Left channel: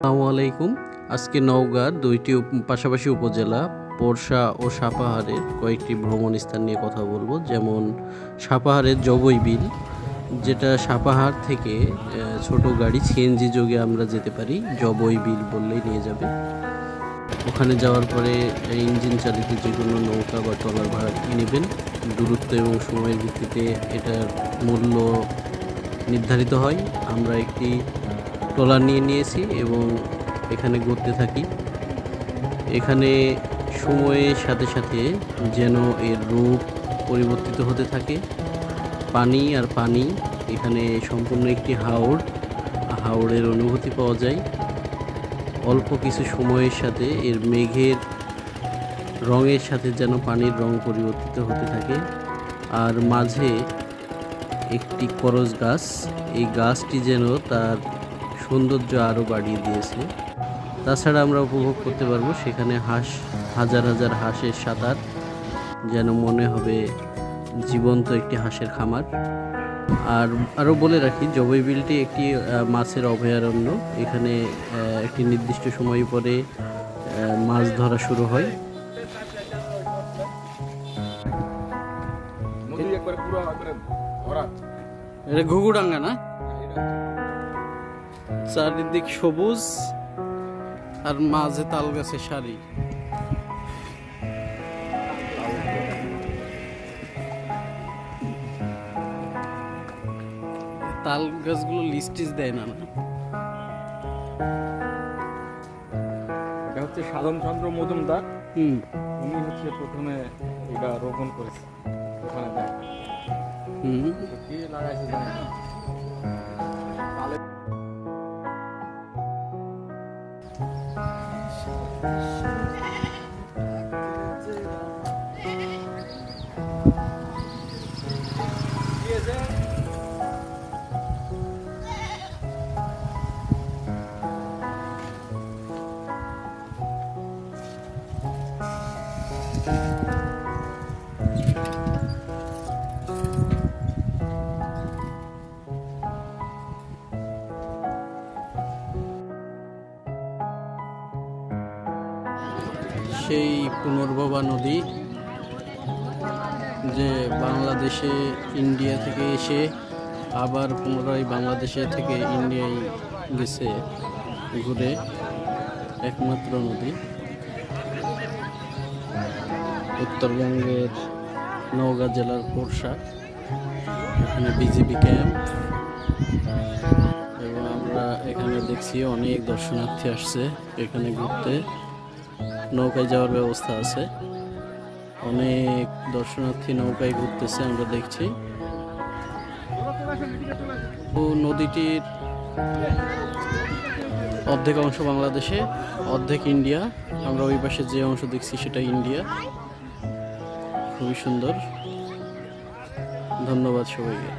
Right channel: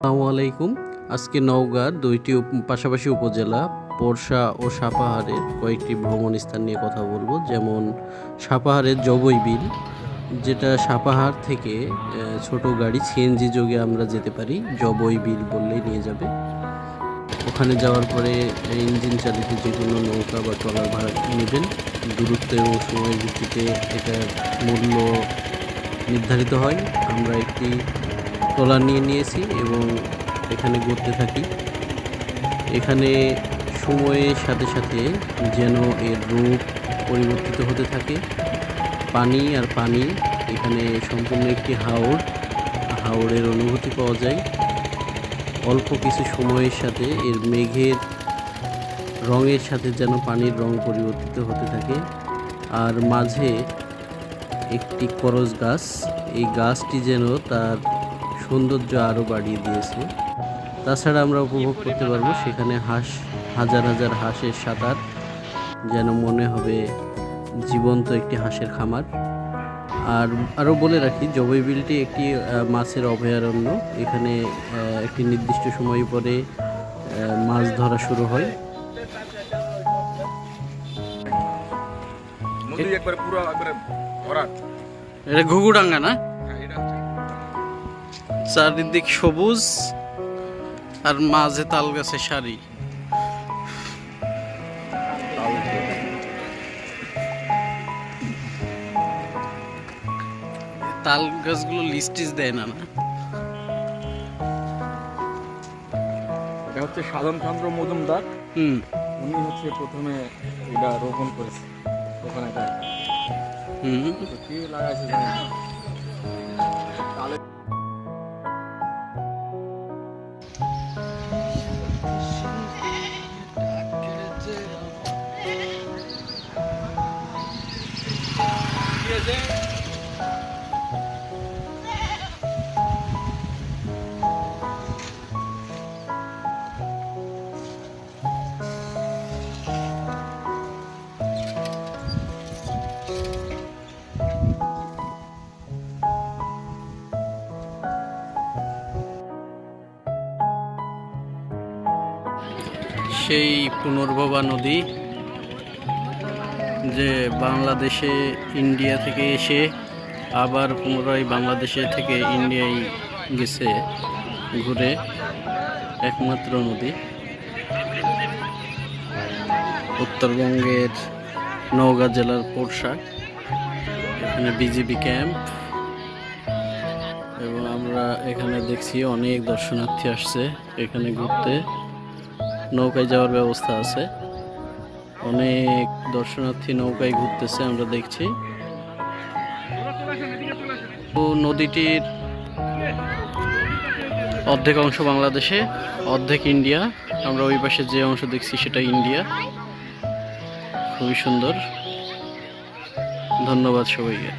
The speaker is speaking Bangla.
আসসালামু আলাইকুম। আজকে নওগাঁর দুইটি পাশাপাশি উপজেলা পোরশা ও সাপাহারের কয়েকটি ভ্রমণ স্থান নিয়ে কথা বলবো। যেমন সাপাহারের জবই বিল, যেটা সাপাহার থেকে ছোট গাড়ি সিএনজি যোগে আমরা যেতে পারি। জবই বিল বললেই নিয়ে যাবে। ওখানে যাওয়ার পরে ইঞ্জিন চালিত যে কোনো নৌকা বা ট্রলার ভাড়া নেবেন। দূরত্ব এবং সময়ের ভিত্তিতে এটার মূল্য নির্ধারিত হয়। আমরা একটি ট্রলার নিয়েছি এবং এখানে ঘুরতে থাকি। এখানে সময়ের সাথে সাথে যেন এর রূপ পরিবর্তিত হতে থাকে। পানি আর পানি, এখানে সম্পূর্ণ একটি হাওরের অনুভূতি পাওয়া যায়। অল্প কিছু সময়ের সাথে এর মেঘের রঙের সাথে যেন পানির রং পরিবর্তিত হতে থাকে। আর মাঝে একটি করজ গাছ, এই গাছটি যেন তার সৌন্দর্য আরও বাড়িয়ে দিয়েছে। তাছাড়া আমরা উপভোগ করতে পারবো সেখানে হাজার হাজার হাঁসের সাঁতার, যেন মনে হবে জীবন্ত একটি হাঁসের খামার। আর আরও বলে রাখি, জবই বিলটি একটি মাছের অভয়ারণ্য। এখানে একটি নির্দিষ্ট সময় পরে মাছ ধরা শুরু হয়। এটা ঘুঘুডাঙ্গা না? চারিদিক সবুজ আর মাঝে তাল গাছের সারি। তাল গাছগুলো লিস্টিস দেয় না? এটা হচ্ছে সাধনচন্দ্র মজুমদার। উনি হচ্ছে প্রথমে এটা রোপণ করেছে ওখানে কি লাগাইছে সেই পুনর্ভবা নদী, যে বাংলাদেশে ইন্ডিয়া থেকে এসে আবার পুনরায় বাংলাদেশে থেকে ইন্ডিয়ায় গেছে ঘুরে, একমাত্র নদী। উত্তরবঙ্গের নওগাঁ জেলার পোরশা, এখানে বিজিবি ক্যাম্প, এবং আমরা এখানে দেখছি অনেক দর্শনার্থী আসছে এখানে ঘুরতে। নৌকায় যাওয়ার ব্যবস্থা আছে, অনেক দর্শনার্থী নৌকায় ঘুরতেছে আমরা দেখছি। নদীটির অর্ধেক অংশ বাংলাদেশে, অর্ধেক ইন্ডিয়া। আমরা ওই পাশে যে অংশ দেখছি সেটা ইন্ডিয়া। খুবই সুন্দর। ধন্যবাদ সবাইকে।